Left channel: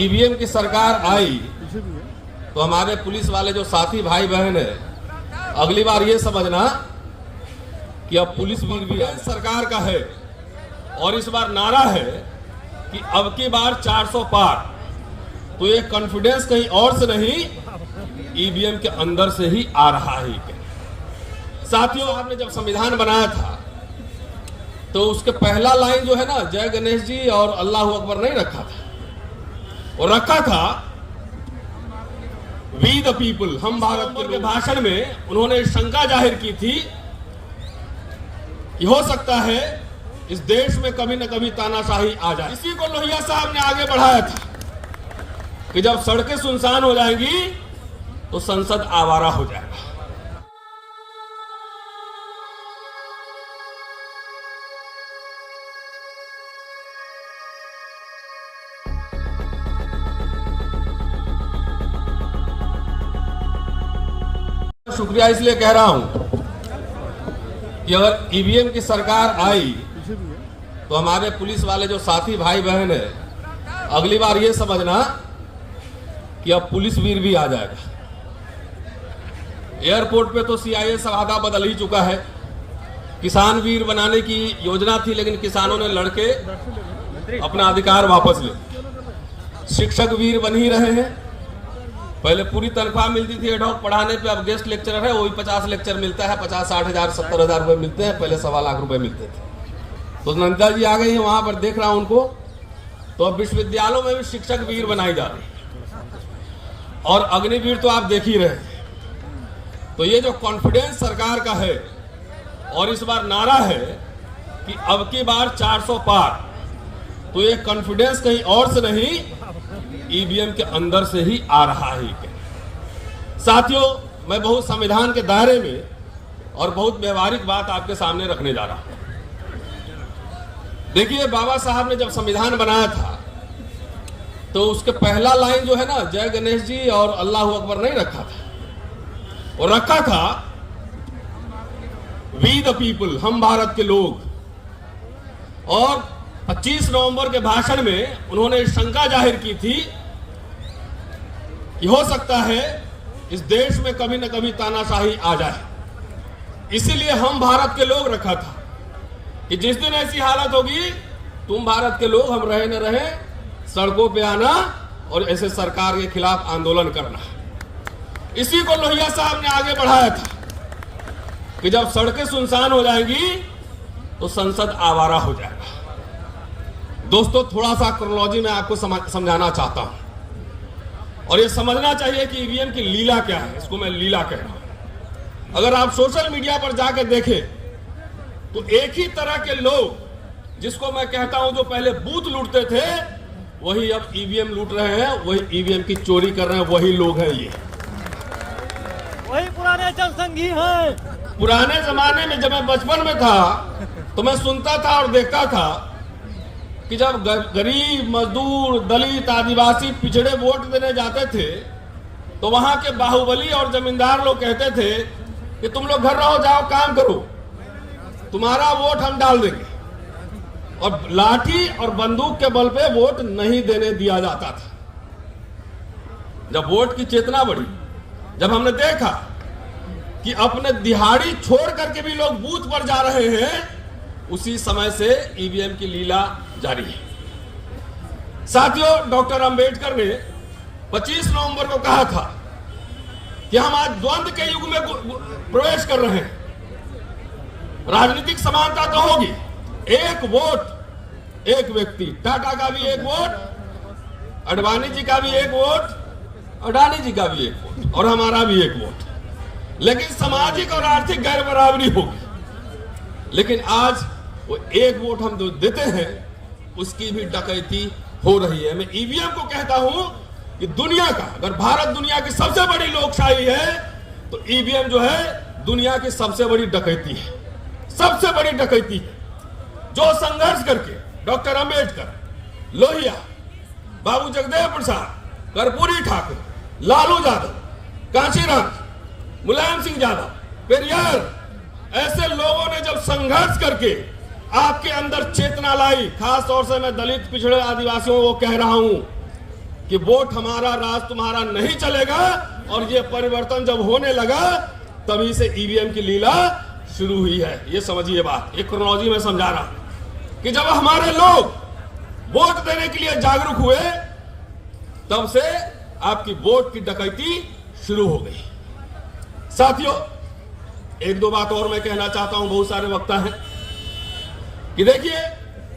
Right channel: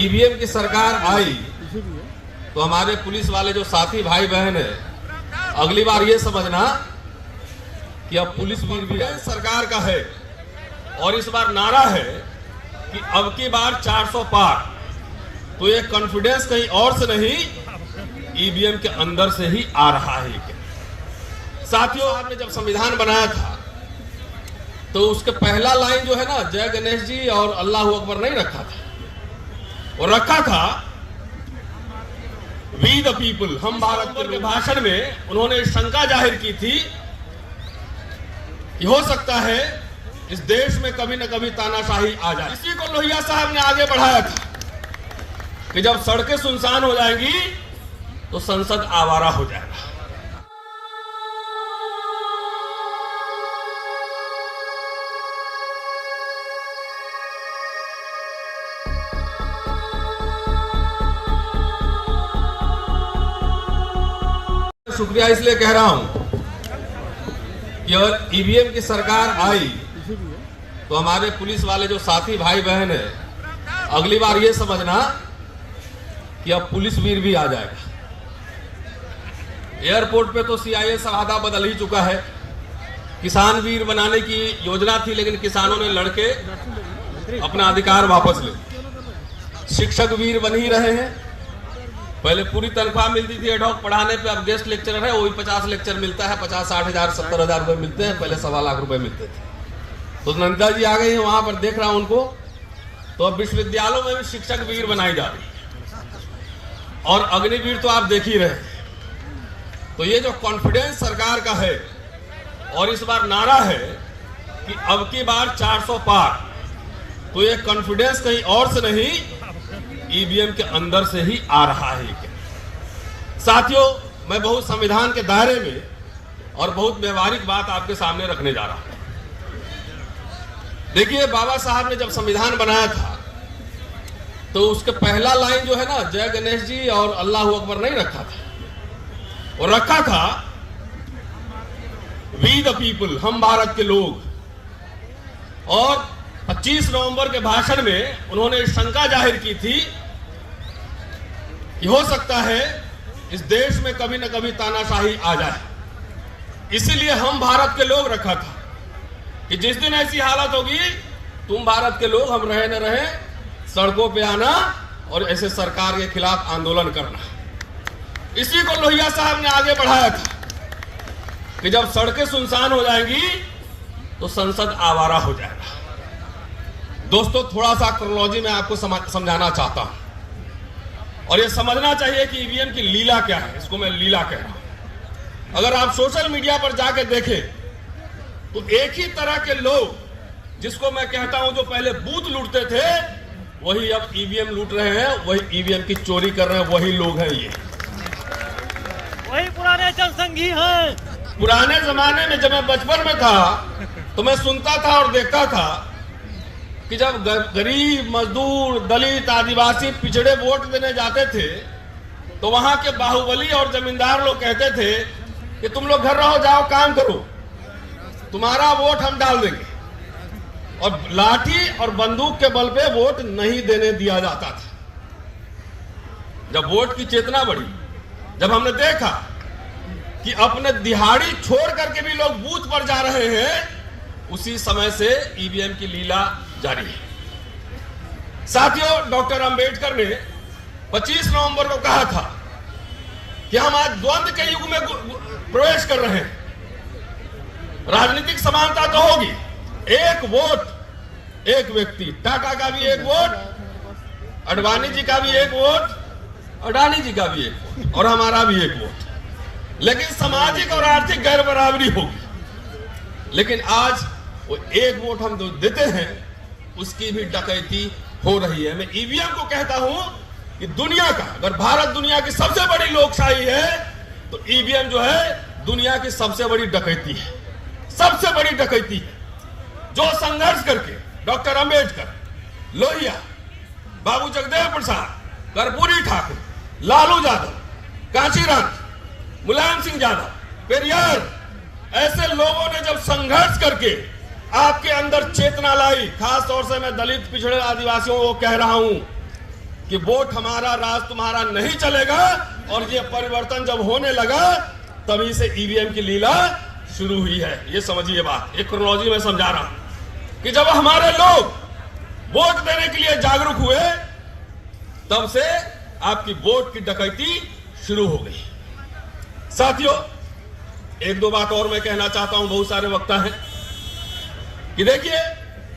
EVM की सरकार आई तो हमारे पुलिस वाले जो साथी भाई बहन है, अगली बार ये समझना कि अब पुलिस भी सरकार का है और इस बार नारा है कि अब की बार 400 पार। तो ये कॉन्फिडेंस कहीं और से नहीं, ईवीएम के अंदर से ही आ रहा है। साथियों, आपने जब संविधान बनाया था तो उसके पहला लाइन जो है ना, जय गणेश जी और अल्लाह अकबर नहीं रखा था, और रखा था वी द पीपल, हम भारत के भाषण में उन्होंने शंका जाहिर की थी कि हो सकता है इस देश में कभी न कभी तानाशाही आ जाए। इसी को लोहिया साहब ने आगे बढ़ाया था कि जब सड़कें सुनसान हो जाएंगी तो संसद आवारा हो जाएगा। शुक्रिया इसलिए कह रहा हूं कि अगर ईवीएम की सरकार आई तो हमारे पुलिस वाले जो साथी भाई बहन है, अगली बार ये समझना कि अब पुलिस वीर भी आ जाएगा। एयरपोर्ट पे तो सीआईएस आधा बदल ही चुका है। किसान वीर बनाने की योजना थी, लेकिन किसानों ने लड़के अपना अधिकार वापस ले। शिक्षक वीर बन ही रहे हैं। पहले पूरी तनख्वाह मिलती थी एडहॉक पढ़ाने पे, अब गेस्ट लेक्चरर है, वही 50 लेक्चर मिलता है, 50-60 हजार 70 हजार रुपए मिलते हैं, पहले 1.25 लाख रुपए मिलते थे। तो नंदा जी आ गई, वहां पर देख रहा हूं उनको। तो अब विश्वविद्यालयों में भी शिक्षक वीर बनाई जा रही है, और अग्निवीर तो आप देख ही रहे हैं। तो ये जो कॉन्फिडेंस सरकार का है और इस बार नारा है कि अब की बार 400 पार, तो ये कॉन्फिडेंस कहीं और से नहीं, ईवीएम के अंदर से ही आ रहा है। साथियों, मैं बहुत संविधान के दायरे में और बहुत व्यवहारिक बात आपके सामने रखने जा रहा हूं। देखिए, बाबा साहब ने जब संविधान बनाया था तो उसके पहला लाइन जो है ना, जय गणेश जी और अल्लाह अकबर नहीं रखा था, और रखा था वी द पीपल, हम भारत के लोग। और 25 नवंबर के भाषण में उन्होंने शंका जाहिर की थी कि हो सकता है इस देश में कभी न कभी तानाशाही आ जाए। इसीलिए हम भारत के लोग रखा था कि जिस दिन ऐसी हालत होगी, तुम भारत के लोग, हम रहे न रहे, सड़कों पे आना और ऐसे सरकार के खिलाफ आंदोलन करना। इसी को लोहिया साहब ने आगे बढ़ाया था कि जब सड़कें सुनसान हो जाएंगी तो संसद आवारा हो जाएगा। दोस्तों, थोड़ा सा क्रोनोलॉजी में आपको समझाना चाहता हूं, और ये समझना चाहिए कि ईवीएम की लीला क्या है। इसको मैं लीला कह रहा हूं। अगर आप सोशल मीडिया पर जाकर देखें तो एक ही तरह के लोग, जिसको मैं कहता हूं जो पहले बूथ लूटते थे, वही अब ईवीएम लूट रहे हैं, वही ईवीएम की चोरी कर रहे हैं, वही लोग हैं। ये वही पुराने जनसंघी हैं। पुराने जमाने में जब मैं बचपन में था तो मैं सुनता था और देखता था कि जब गरीब, मजदूर, दलित, आदिवासी, पिछड़े वोट देने जाते थे तो वहां के बाहुबली और जमींदार लोग कहते थे कि तुम लोग घर रहो, जाओ काम करो, तुम्हारा वोट हम डाल देंगे। और लाठी और बंदूक के बल पे वोट नहीं देने दिया जाता था। जब वोट की चेतना बढ़ी, जब हमने देखा कि अपने दिहाड़ी छोड़ करके भी लोग बूथ पर जा रहे हैं, उसी समय से ईवीएम की लीला जारी है। साथियों, डॉक्टर अंबेडकर ने 25 नवंबर को कहा था कि हम आज द्वंद्व के युग में प्रवेश कर रहे हैं। राजनीतिक समानता तो होगी, एक वोट एक व्यक्ति, टाटा का भी एक वोट, अडवाणी जी का भी एक वोट, अडानी जी का भी एक वोट, और हमारा भी एक वोट। लेकिन सामाजिक और आर्थिक गैर बराबरी होगी। लेकिन आज वो एक वोट हम जो देते हैं, उसकी भी डकैती हो रही है। मैं ईवीएम को कहता हूं कि दुनिया का, अगर भारत दुनिया की सबसे बड़ी लोकशाही है तो ईवीएम जो है दुनिया की सबसे बड़ी डकैती है, सबसे बड़ी डकैती है। जो संघर्ष करके डॉक्टर अंबेडकर, लोहिया, बाबू जगदेव प्रसाद, कर्पूरी ठाकुर, लालू यादव, कांशीराम, मुलायम सिंह यादव, पेरियार, ऐसे लोगों ने जब संघर्ष करके आपके अंदर चेतना लाई, खास तौर से मैं दलित, पिछड़े, आदिवासियों को कह रहा हूं कि वोट हमारा राज तुम्हारा नहीं चलेगा, और ये परिवर्तन जब होने लगा तभी से ईवीएम की लीला शुरू हुई है। ये समझिए बात, एक क्रोनोलॉजी में समझा रहा हूं कि जब हमारे लोग वोट देने के लिए जागरूक हुए तब से आपकी वोट की डकैती शुरू हो गई। साथियों, एक दो बात और मैं कहना चाहता हूं, बहुत सारे वक्ता हैं कि देखिए,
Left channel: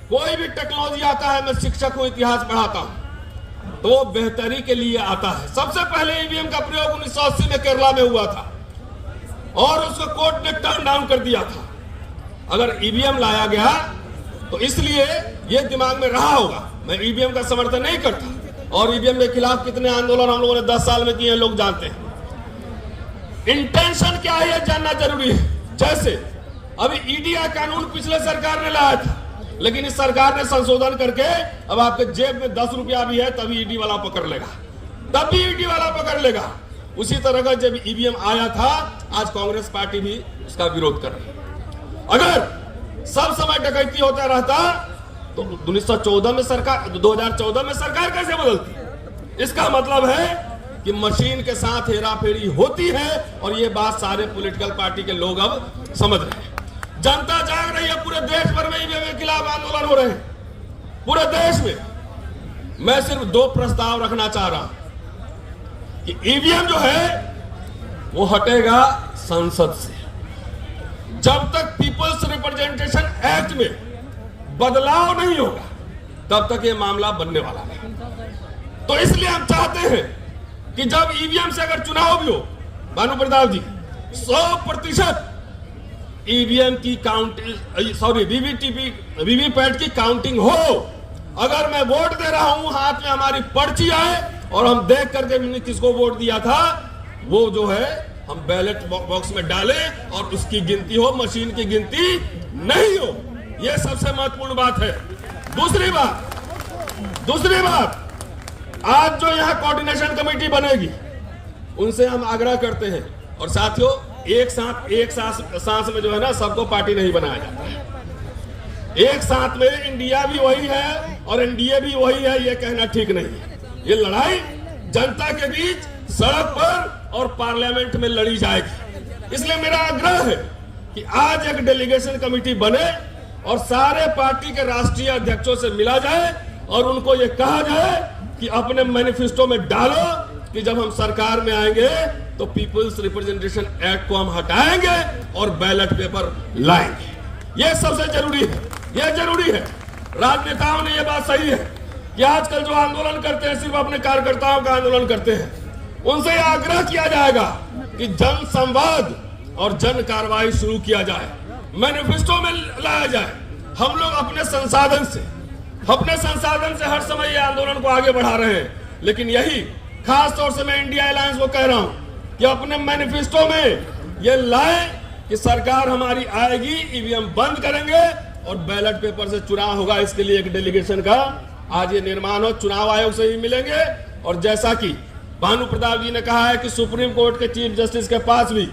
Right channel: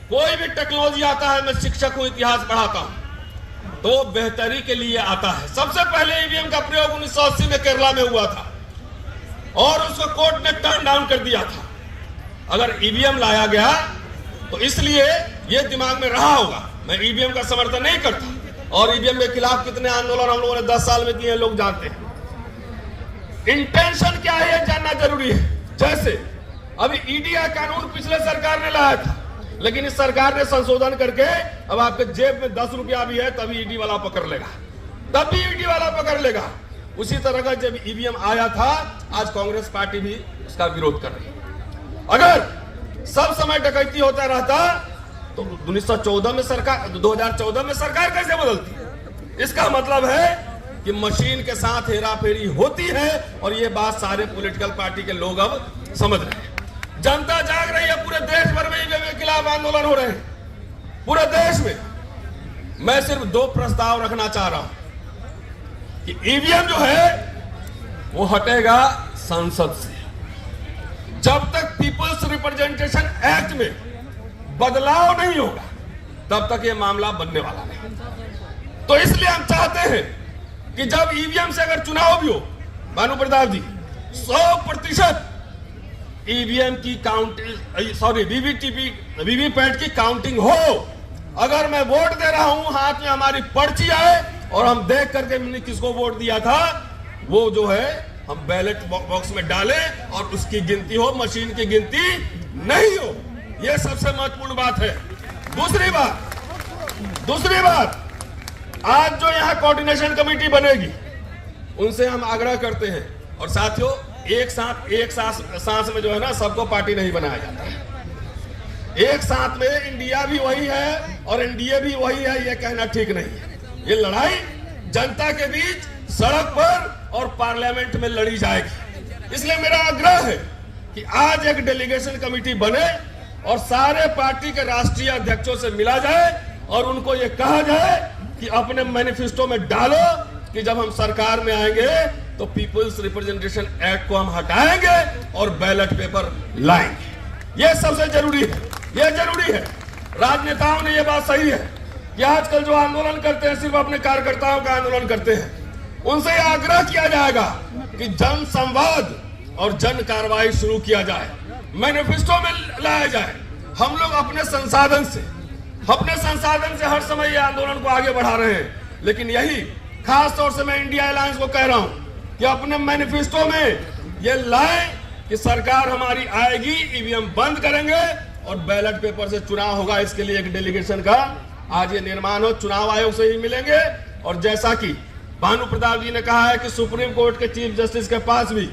कोई भी टेक्नोलॉजी आता है, मैं शिक्षक हूं, इतिहास पढ़ाता हूं, तो बेहतरी के लिए आता है। सबसे पहले ईवीएम का प्रयोग 1980 में केरला में हुआ था और उसको कोर्ट ने टर्न डाउन कर दिया था। अगर ईवीएम लाया गया तो इसलिए यह दिमाग में रहा होगा। मैं ईवीएम का समर्थन नहीं करता, और ईवीएम के खिलाफ कितने आंदोलन हम लोगों ने 10 साल में किए लोग जानते हैं। इंटेंशन क्या है यह जानना जरूरी है। जैसे अभी ईडी का कानून पिछले सरकार ने लाया था, लेकिन इस सरकार ने संशोधन करके अब आपके जेब में 10 रुपया भी है तभी ईडी वाला पकड़ लेगा, तब भी ईडी वाला पकड़ लेगा। उसी तरह का जब ईवीएम आया था, आज कांग्रेस पार्टी भी उसका विरोध कर रही है। अगर सब समय डकैती होता रहता तो 2014 में सरकार कैसे बदलती? इसका मतलब है कि मशीन के साथ हेराफेरी होती है, और ये बात सारे पॉलिटिकल पार्टी के लोग अब समझ रहे हैं। जनता जाग रही है, पूरे देश भर में ईवीएम के खिलाफ आंदोलन हो रहे हैं, पूरे देश में। मैं सिर्फ 2 प्रस्ताव रखना चाह रहा हूं कि ईवीएम जो है वो हटेगा संसद से। जब तक पीपल्स रिप्रेजेंटेशन एक्ट में बदलाव नहीं होगा तब तक ये मामला बनने वाला नहीं। तो इसलिए हम चाहते हैं कि जब ईवीएम से अगर चुनाव भी हो, भानु प्रताप जी, 100% ईवीएम की काउंटिंग, वीवीपैट की काउंटिंग हो। अगर मैं वोट दे रहा हूं, हाथ में हमारी पर्ची आए और हम देख करके मैंने किसको वोट दिया था, वो जो है हम बैलेट बॉक्स में डालें और उसकी गिनती हो, मशीन की गिनती नहीं हो। यह सबसे महत्वपूर्ण बात है। दूसरी बात, आज जो यहां कोऑर्डिनेशन कमेटी बनेगी उनसे हम आग्रह करते हैं, और साथियों, एक सांस में जो है ना, सबको पार्टी नहीं बनाया जाता है। एक साथ में इंडिया भी वही है और एनडीए भी वही है, यह कहना ठीक नहीं है। ये लड़ाई जनता के बीच, सड़क पर और पार्लियामेंट में लड़ी जाएगी। इसलिए मेरा आग्रह है कि आज एक डेलीगेशन कमेटी बने और सारे पार्टी के राष्ट्रीय अध्यक्षों से मिला जाए और उनको यह कहा जाए कि अपने मैनिफेस्टो में डालो कि जब हम सरकार में आएंगे तो पीपल्स रिप्रेजेंटेशन एक्ट को हम हटाएंगे और बैलेट पेपर लाएंगे। यह सबसे जरूरी है, यह जरूरी है। राजनेताओं ने यह बात सही है कि आजकल जो आंदोलन करते हैं सिर्फ अपने कार्यकर्ताओं का आंदोलन करते हैं। उनसे यह आग्रह किया जाएगा कि जन संवाद और जन कार्रवाई शुरू किया जाए, मैनिफेस्टो में लाया जाए। हम लोग अपने संसाधन से हर समय ये आंदोलन को आगे बढ़ा रहे हैं, लेकिन यही खास तौर से मैं इंडिया अलायंस को कह रहा हूं कि अपने मैनिफेस्टो में ये लाए कि सरकार हमारी आएगी, ईवीएम बंद करेंगे और बैलेट पेपर से चुनाव होगा। इसके लिए एक डेलीगेशन का आज ये निर्माण हो, चुनाव आयोग से ही मिलेंगे। और जैसा कि भानु प्रताप जी ने कहा है कि सुप्रीम कोर्ट के चीफ जस्टिस के पास भी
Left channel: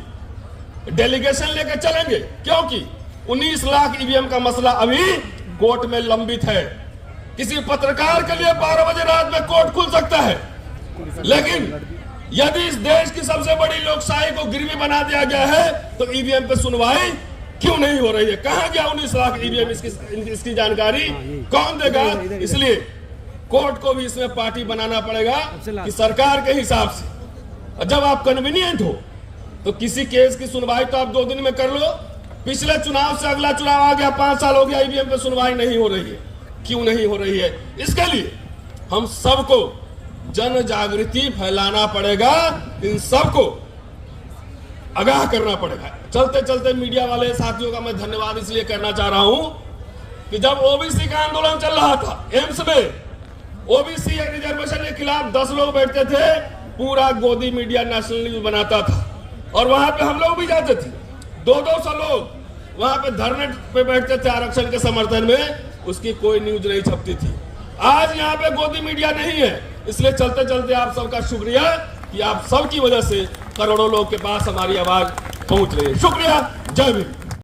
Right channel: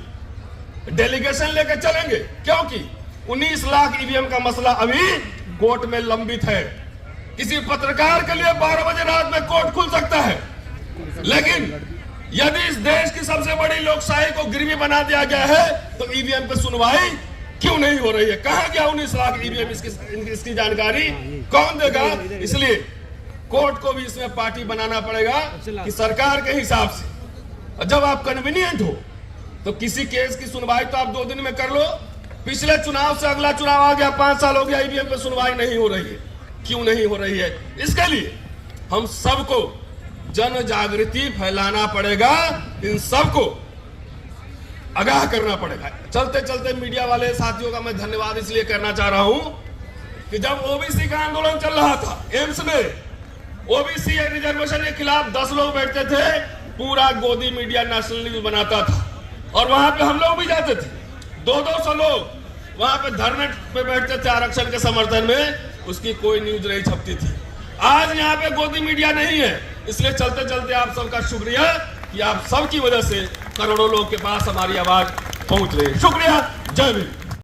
डेलीगेशन लेकर चलेंगे, क्योंकि 19 लाख ईवीएम का मसला अभी कोर्ट में लंबित है। किसी पत्रकार के लिए 12 बजे रात में कोर्ट खुल सकता है, लेकिन यदि इस देश की सबसे बड़ी लोकशाही को गिरवी बना दिया गया है तो ईवीएम पे सुनवाई क्यों नहीं हो रही है? कहां गया 19 लाख ईवीएम? इसकी जानकारी कौन देगा? इसलिए कोर्ट को भी इसमें पार्टी बनाना पड़ेगा कि सरकार के हिसाब से जब आप कन्वीनियंट हो तो किसी केस की सुनवाई तो आप 2 दिन में कर लो। पिछले चुनाव से अगला चुनाव आ गया, 5 साल हो गया, ईवीएम पे सुनवाई नहीं हो रही है। क्यों नहीं हो रही है? इसके लिए हम सबको जन जागृति फैलाना पड़ेगा, इन सबको आगाह करना पड़ेगा। चलते चलते मीडिया वाले साथियों का मैं धन्यवाद इसलिए करना चाह रहा हूं कि जब ओबीसी का आंदोलन चल रहा था, एम्स में ओबीसी रिजर्वेशन के खिलाफ 10 लोग बैठते थे, पूरा गोदी मीडिया नेशनल न्यूज बनाता था और वहां पे हम लोग भी जाते थे। 200 लोग वहां पे धरने पे बैठते थे आरक्षण के समर्थन में, उसकी कोई न्यूज नहीं छपती थी। आज यहाँ पे गोदी मीडिया नहीं है, इसलिए चलते चलते आप सबका शुक्रिया कि आप सबकी वजह से करोड़ों लोग के पास हमारी आवाज पहुंच रही है। शुक्रिया, जय भीम।